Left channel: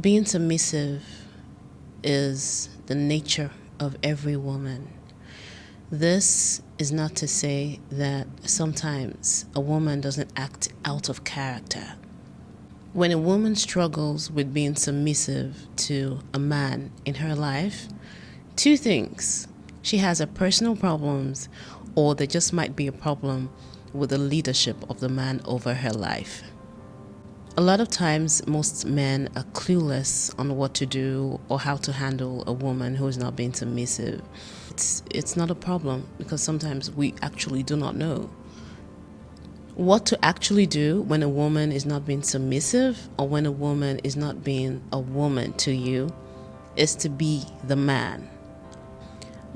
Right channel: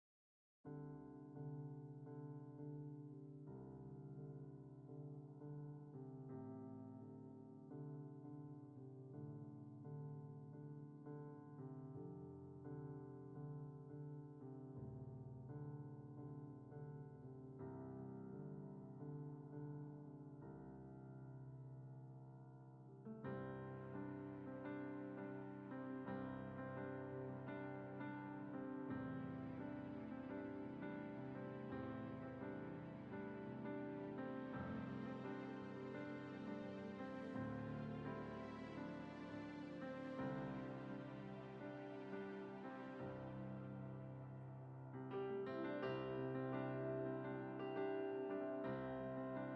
Being submissive is the nature of every woman. This is not to say that sometimes a woman doesn't act out of character. When a woman struggles with being submissive to a man in her life, two things. She has her personal problems, or there just might be a problem with the leadership of the man over her life. A lot of times, most men are clueless on what to do or how to handle a woman who is not being submissive. It's not a problem because sometimes we actually do not know. What to actually do when a woman is not being submissive or when a woman is not being a woman to you is to be the man.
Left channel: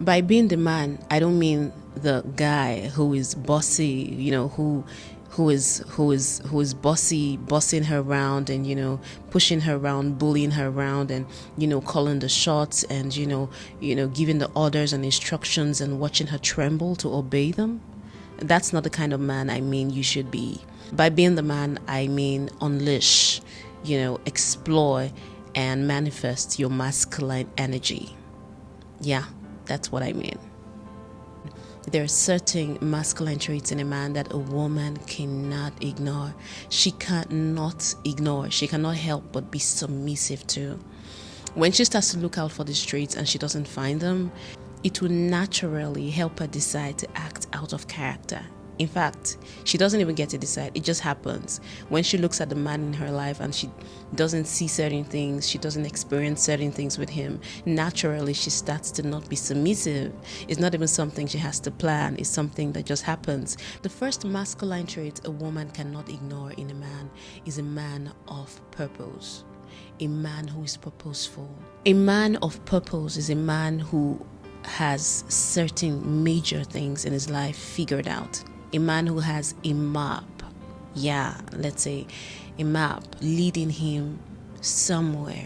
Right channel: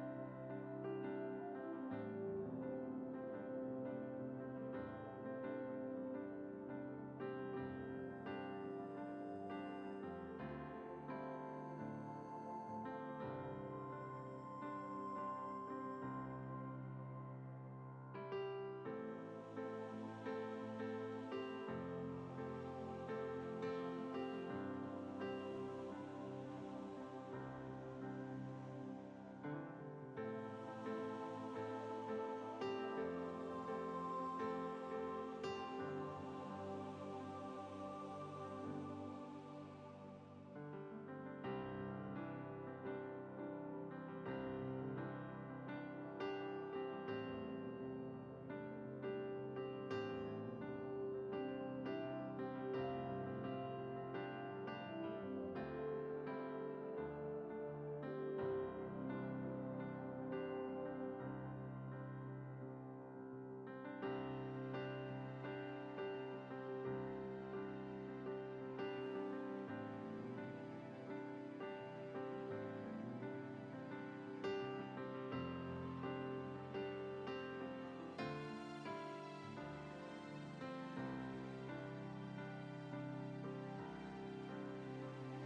By being the man, I don't mean the guy who is bossy, who is bossing her around and pushing her around, bullying her around, and calling the shots and giving the orders and instructions and watching her tremble to obey them. That's not the kind of man I mean you should be. By being the man, I mean unleash, explore and manifest your masculine energy. Yeah, that's what I mean. There are certain masculine traits in a man that a woman cannot ignore. She cannot ignore. She cannot help but be submissive to. When she starts to look out for these traits and she doesn't find them, it will naturally help her decide to act out of character. In fact, she doesn't even get to decide. It just happens. When she looks at the man in her life and she doesn't see certain things, she doesn't experience certain things with him, naturally she starts to not be submissive. It's not even something she has to plan. It's something that just happens. The first masculine trait a woman cannot ignore in a man is a man of purpose. A man who is purposeful. A man of purpose is a man who has certain major things in his life figured out. A man who has a map, let's say a map leading him somewhere.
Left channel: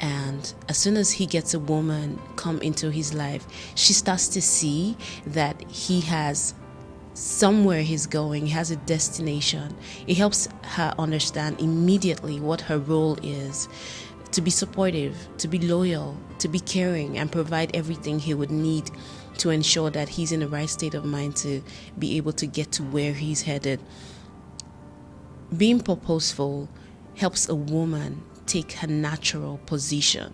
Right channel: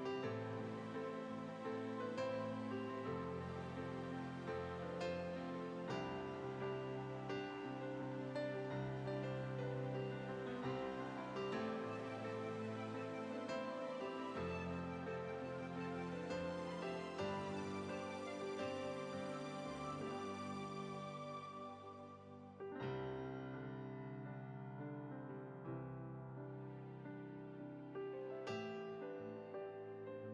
And as soon as he gets a woman come into his life, she starts to see that he has somewhere he's going, he has a destination. It helps her understand immediately what her role is. To be supportive, to be loyal, to be caring, and provide everything he would need to ensure that he's in the right state of mind to be able to get to where he's headed. Being purposeful helps a woman take her natural position.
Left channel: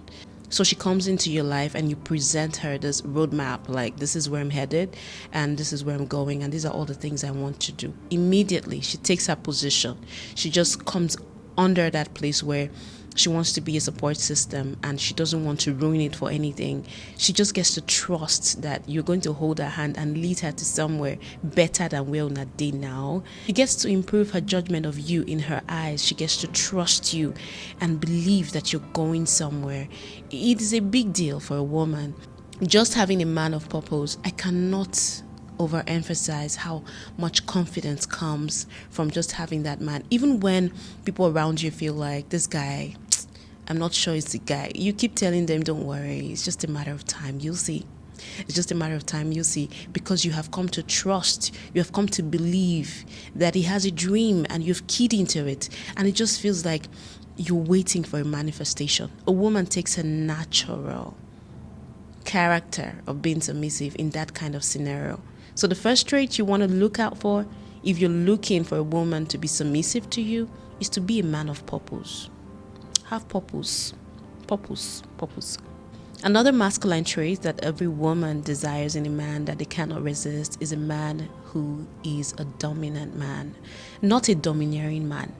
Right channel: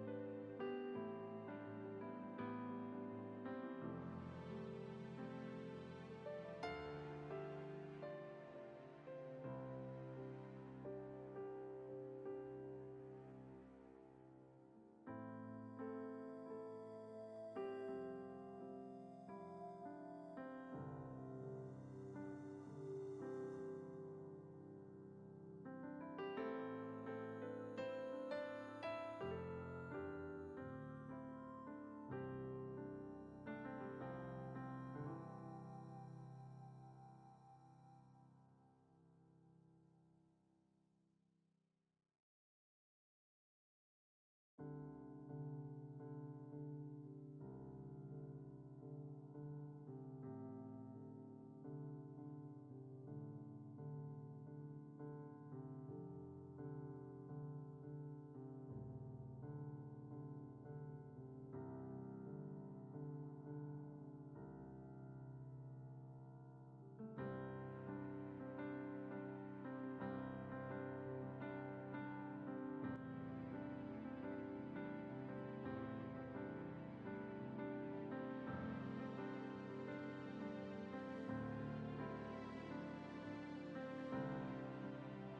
So she comes into your life and you present her this roadmap, like this is where I'm headed and this is where I'm going and these are all the things I want to do. Immediately, she takes her position. She just comes under that place where she wants to be a support system and she doesn't want to ruin it for anything. She just gets to trust that you're going to hold her hand and lead her to somewhere better than where on that day now. She gets to improve her judgment of you in her eyes. She gets to trust you and believe that you're going somewhere. It is a big deal for a woman. Just having a man of purpose, I cannot overemphasize how much confidence comes from just having that man. Even when people around you feel like this guy, I'm not sure it's the guy, you keep telling them, don't worry, it's just a matter of time, you'll see. It's just a matter of time, you'll see, because you have come to trust, you have come to believe that he has a dream and you've keyed into it, and it just feels like you're waiting for a manifestation. A woman takes a natural character of being submissive in that kind of scenario. So the first trait you want to look out for if you're looking for a woman to be submissive to you is to be a man of purpose. Have purpose. Purpose. Another masculine trait that every woman desires in a man that they cannot resist is a man who is a dominant man. Not a domineering man,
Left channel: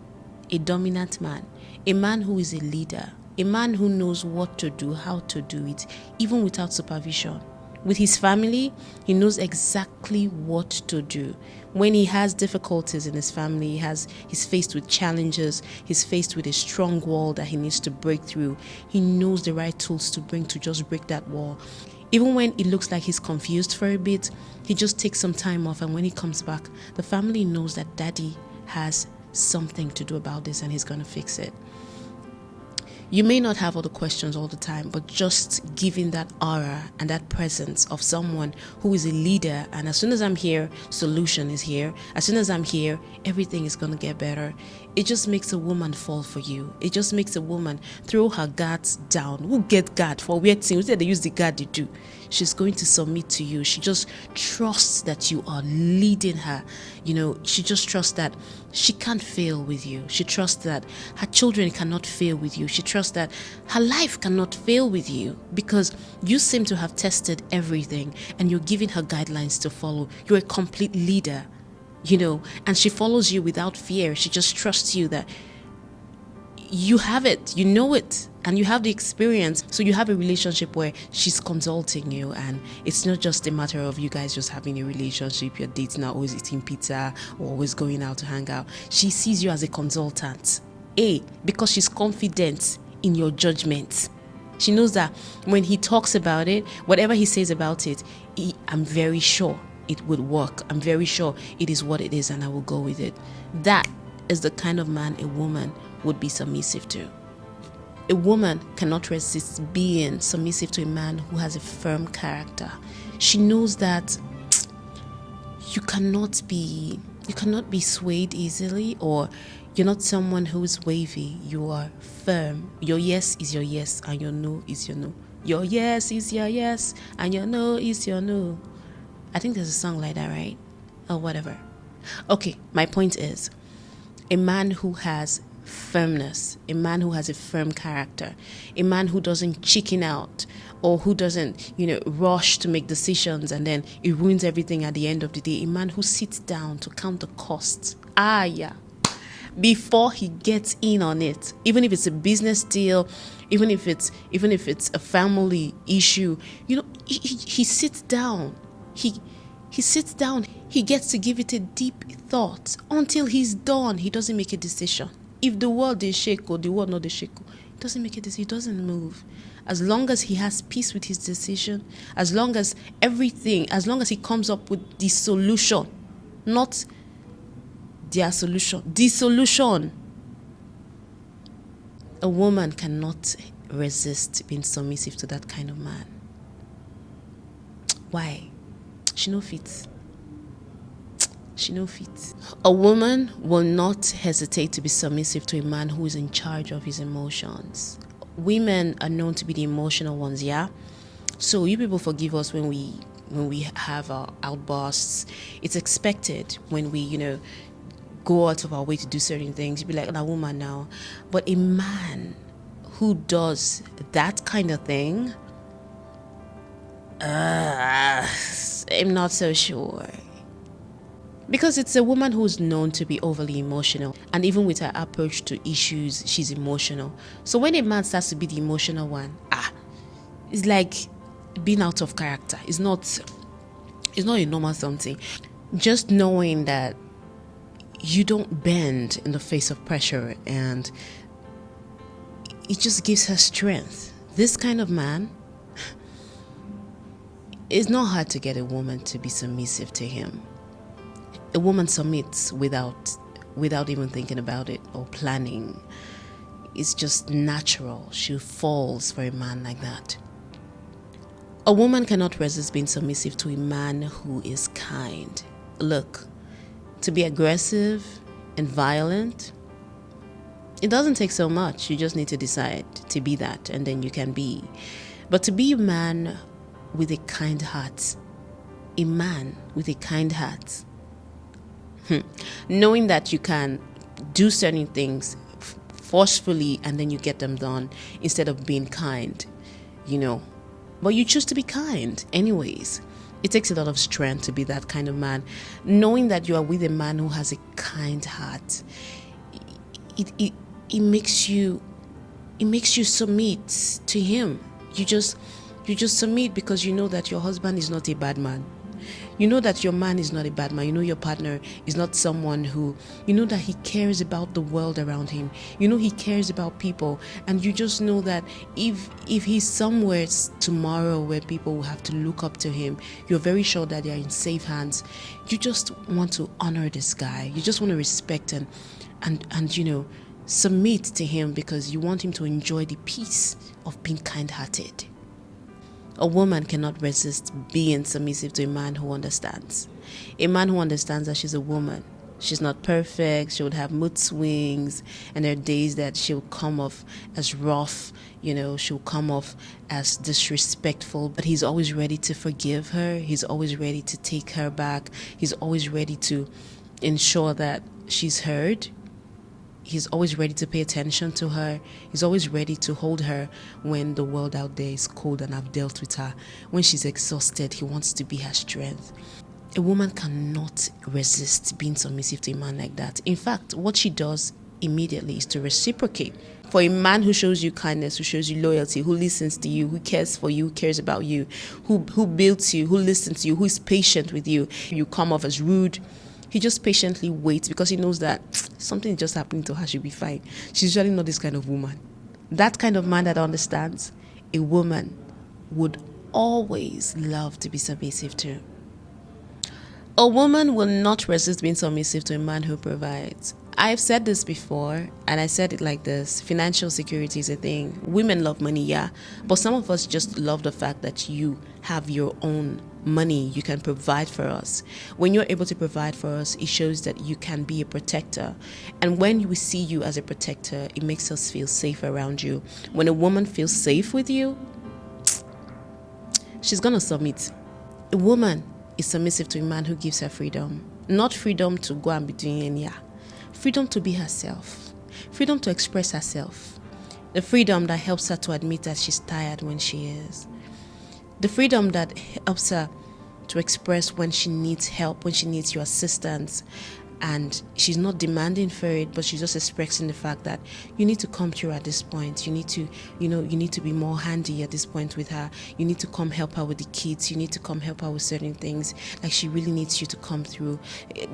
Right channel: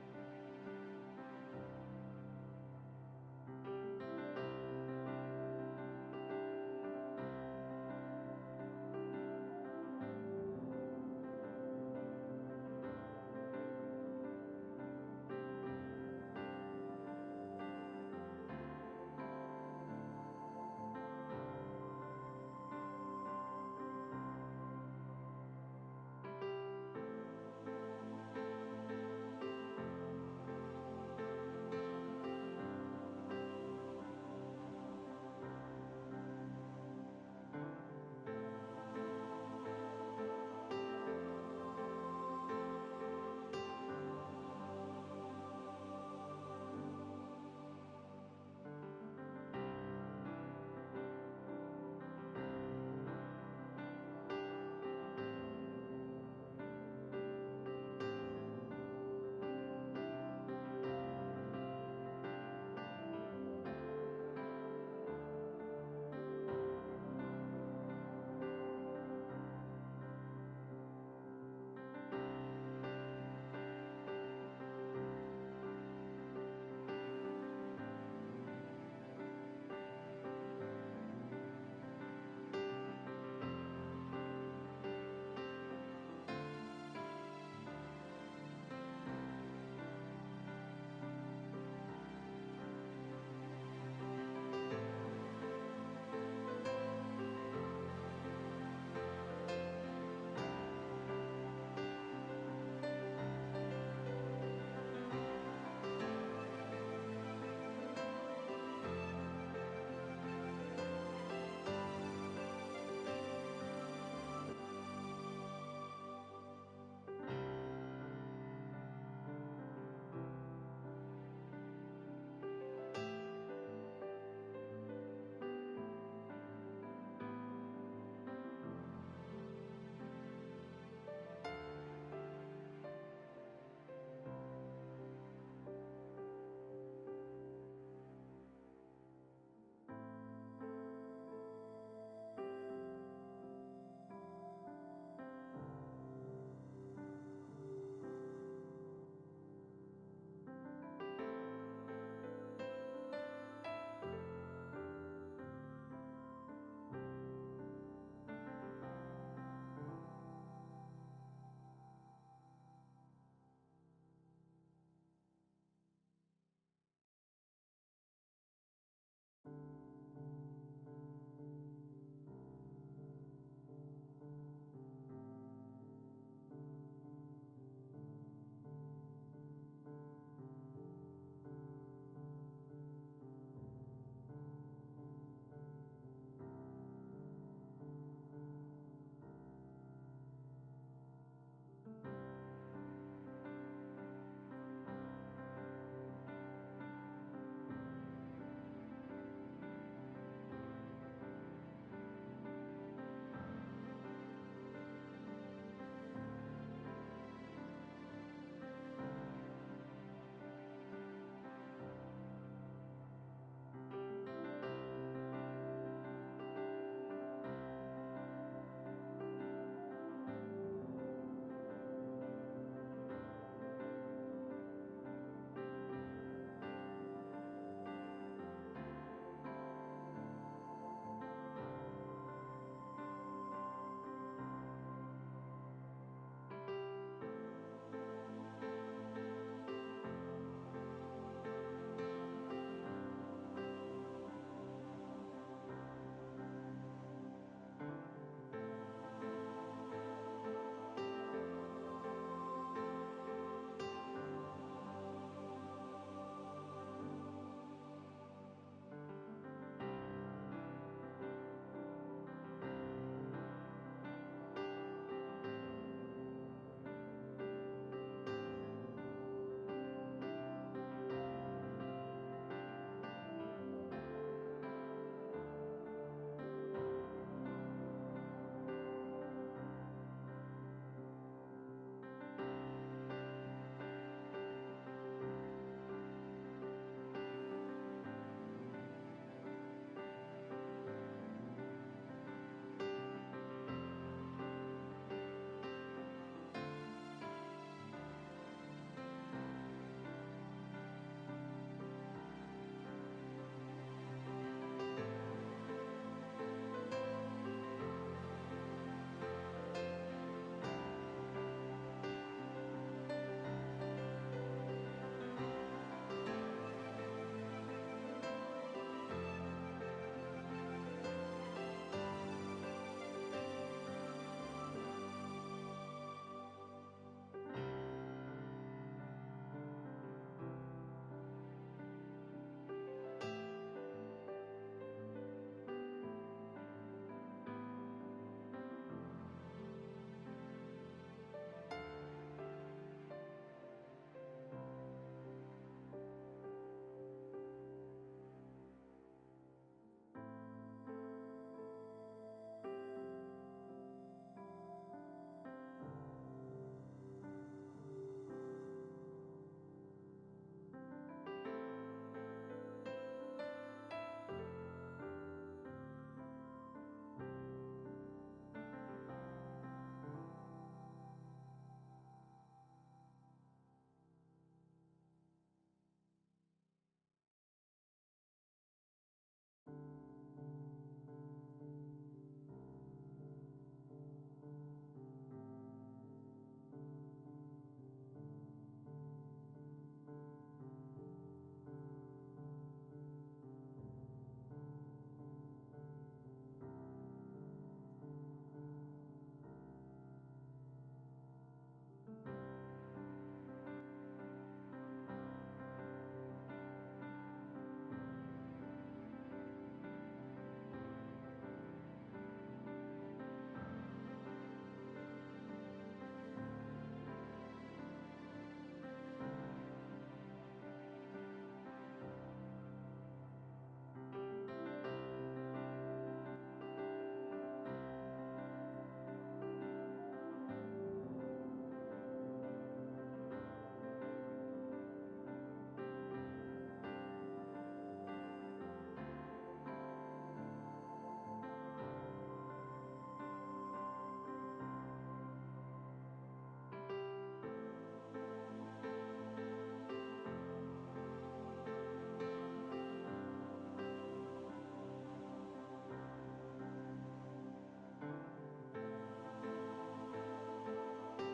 a dominant man. A man who is a leader. A man who knows what to do, how to do it, even without supervision. With his family, he knows exactly what to do. When he has difficulties in his family, he's faced with challenges, he's faced with a strong wall that he needs to break through, he knows the right tools to bring to just break that wall. Even when it looks like he's confused for a bit, he just takes some time off, and when he comes back, the family knows that daddy has something to do about this and he's going to fix it. You may not have all the questions all the time, but just giving that aura and that presence of someone who is a leader, and as soon as I'm here, solution is here. As soon as I'm here, everything is going to get better. it just makes a woman fall for you. It just makes a woman throw her guards down. Who get guard for weird things? They use the guard they do. She's going to submit to you. She just trusts that you are leading her. She just trusts that she can't fail with you. She trusts that her children cannot fail with you. She trusts that her life cannot fail with you because you seem to have tested everything and you're giving her guidelines to follow. You're a complete leader, and she follows you without fear. She just trusts you that you have it, you know it, and you have the experience. So you have a relationship where she's consulting you, and it's not just a matter of you guys just having a relationship, you're dating, are always eating pizza or always going out to hang out. She sees you as a consultant. Because she's confident in your judgment. She knows that when he talks about it, whatever he says about it, I'm very sure it would work. I'm very sure it is what it is, and I will go with it. That is the kind of man a woman would be submissive to. A woman cannot resist being submissive to a man who has a firm character. She knows that you cannot be swayed easily, or you're not someone who's wavy. You are firm. Your yes is your yes and your no is your no. Your yes is your yes and your no is your no. I think there's a song like that, right? Or whatever. Okay, my point is, a man who has firmness, a man who has a firm character, a man who doesn't chicken out, or who doesn't, rush to make decisions and then it ruins everything at the end of the day. A man who sits down to count the costs. Before he gets in on it, even if it's a business deal, even if it's a family issue, he sits down. He sits down. He gets to give it a deep thought until he's done. He doesn't make a decision. If the world is shake or the world not the shake, he doesn't make a decision. He doesn't move. As long as he has peace with his decision, as long as he comes up with the solution, not their solution, the solution. A woman cannot resist being submissive to that kind of man. Why? She no fit. A woman will not hesitate to be submissive to a man who is in charge of his emotions. Women are known to be the emotional ones, yeah? So you people forgive us when we have our outbursts. It's expected when we, go out of our way to do certain things. You'd be like, a woman now. But a man who does that kind of thing, I'm not so sure. Because it's a woman who's known to be overly emotional. And even with her approach to issues, she's emotional. So when a man starts to be the emotional one, it's like being out of character. It's not a normal something. Just knowing that you don't bend in the face of pressure, and it just gives her strength. This kind of man, it's not hard to get a woman to be submissive to him. A woman submits without even thinking about it or planning. It's just natural. She falls for a man like that. A woman cannot resist being submissive to a man who is kind. Look, to be aggressive and violent, it doesn't take so much. You just need to decide to be that, and then you can be. But to be a man with a kind heart, knowing that you can do certain things forcefully and then you get them done instead of being kind, but you choose to be kind anyways. It takes a lot of strength to be that kind of man. Knowing that you are with a man who has a kind heart, it makes you submit to him. You just submit because you know that your husband is not a bad man. You know that your man is not a bad man. You know your partner is not someone who, that he cares about the world around him. He cares about people. And you just know that if he's somewhere tomorrow where people will have to look up to him, you're very sure that they're in safe hands. You just want to honor this guy. You just want to respect and submit to him because you want him to enjoy the peace of being kind-hearted. A woman cannot resist being submissive to a man who understands. A man who understands that she's a woman. She's not perfect. She would have mood swings, and there are days that she'll come off as rough. She'll come off as disrespectful, but he's always ready to forgive her. He's always ready to take her back. He's always ready to ensure that she's heard. He's always ready to pay attention to her. He's always ready to hold her when the world out there is cold and I've dealt with her. When she's exhausted, he wants to be her strength. A woman cannot resist being submissive to a man like that. In fact, what she does immediately is to reciprocate. For a man who shows you kindness, who shows you loyalty, who listens to you, who cares for you, who cares about you, who builds you, who listens to you, who is patient with you, you come off as rude. He just patiently waits because he knows that something just happening to her, she'll be fine. She's usually not this kind of woman. That kind of man that understands a woman would always love to be submissive to. A woman will not resist being submissive to a man who provides. I've said this before, and I said it like this. Financial security is a thing. Women love money, yeah. But some of us just love the fact that you have your own money. You can provide for us. When you're able to provide for us, it shows that you can be a protector. And when we see you as a protector, it makes us feel safe around you. When a woman feels safe with you, she's going to submit. A woman is submissive to a man who gives her freedom. Not freedom to go and be doing any. Freedom to be herself. Freedom to express herself. The freedom that helps her to admit that she's tired when she is. The freedom that helps her to express when she needs help, when she needs your assistance. And she's not demanding for it, but she's just expressing the fact that you need to come through at this point. You need to, you need to be more handy at this point with her. You need to come help her with the kids. You need to come help her with certain things. Like she really needs you to come through.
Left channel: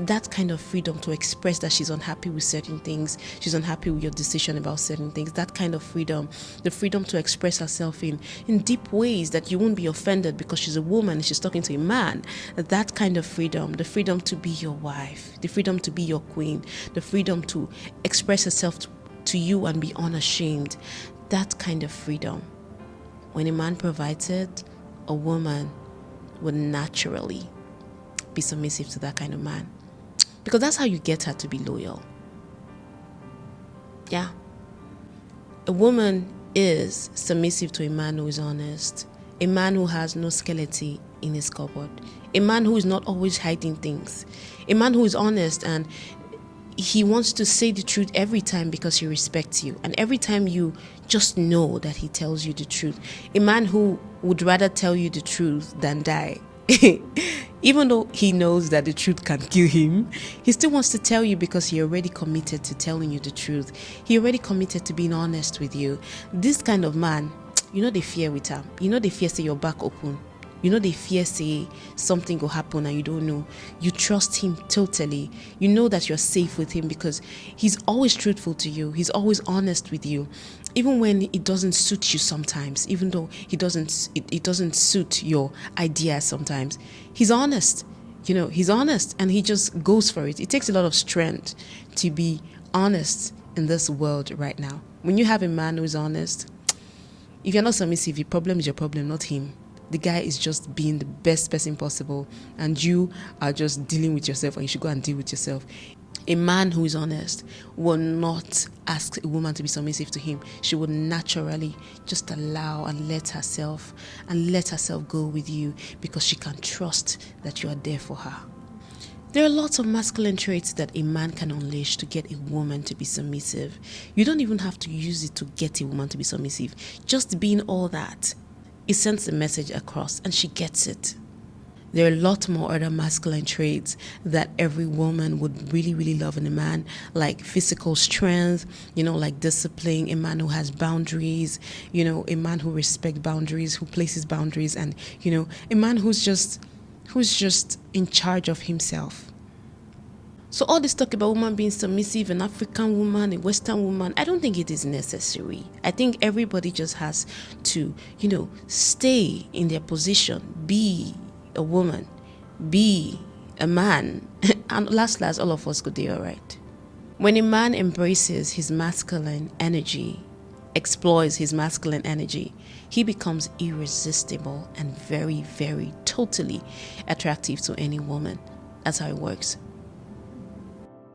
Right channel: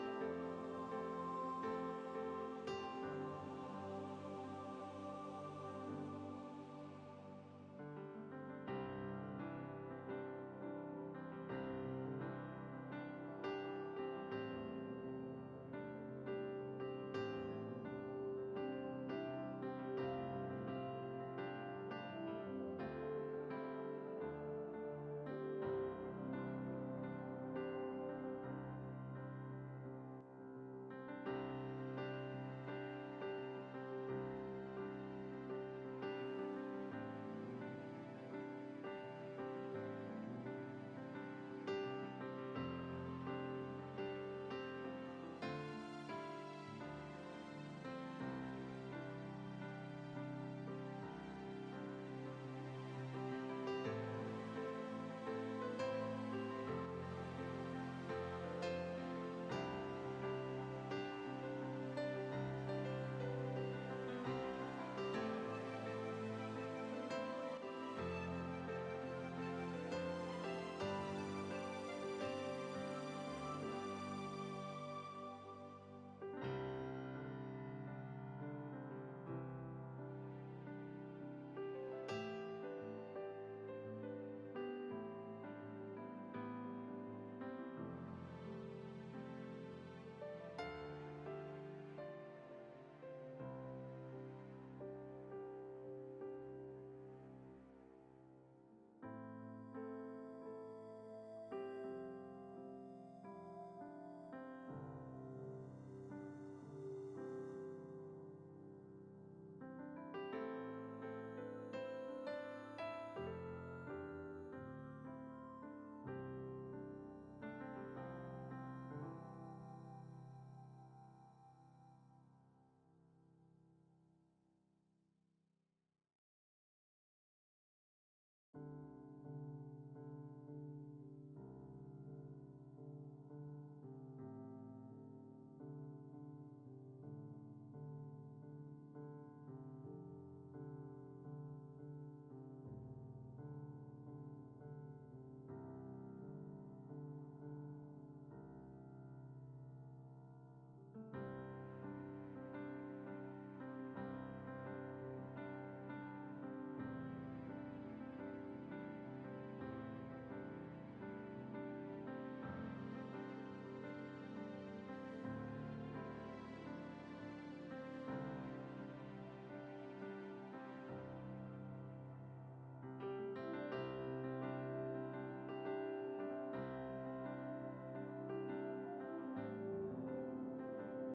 That kind of freedom to express that she's unhappy with certain things. She's unhappy with your decision about certain things. That kind of freedom, the freedom to express herself in deep ways that you won't be offended because she's a woman and she's talking to a man. That kind of freedom, the freedom to be your wife, the freedom to be your queen, the freedom to express herself to you and be unashamed. That kind of freedom. When a man provides it, a woman would naturally be submissive to that kind of man. Because that's how you get her to be loyal. Yeah. A woman is submissive to a man who is honest. A man who has no skeleton in his cupboard. A man who is not always hiding things. A man who is honest and he wants to say the truth every time because he respects you. And every time you just know that he tells you the truth. A man who would rather tell you the truth than die. Even though he knows that the truth can kill him, he still wants to tell you because he already committed to telling you the truth. He already committed to being honest with you. This kind of man, they fear with him. They fear say your back open. They fear say something will happen and you don't know. You trust him totally. You know that you're safe with him because he's always truthful to you. He's always honest with you. Even when it doesn't suit you sometimes, even though it doesn't suit your ideas sometimes, he's honest. He's honest and he just goes for it. It takes a lot of strength to be honest in this world right now. When you have a man who's honest, if you're not submissive, your problem is your problem, not him. The guy is just being the best person possible and you are just dealing with yourself and you should go and deal with yourself. A man who is honest will not ask a woman to be submissive to him. She will naturally just allow and let herself go with you because she can trust that you are there for her. There are lots of masculine traits that a man can unleash to get a woman to be submissive. You don't even have to use it to get a woman to be submissive. Just being all that, it sends a message across and she gets it. There are a lot more other masculine traits that every woman would really, really love in a man, like physical strength, like discipline, a man who has boundaries, a man who respects boundaries, who places boundaries, and, a man who's just in charge of himself. So all this talk about woman being submissive, an African woman, a Western woman, I don't think it is necessary. I think everybody just has to, stay in their position, be a woman, be a man, and last, all of us could do all right. When a man embraces his masculine energy, exploits his masculine energy, he becomes irresistible and very, very, totally attractive to any woman. That's how it works.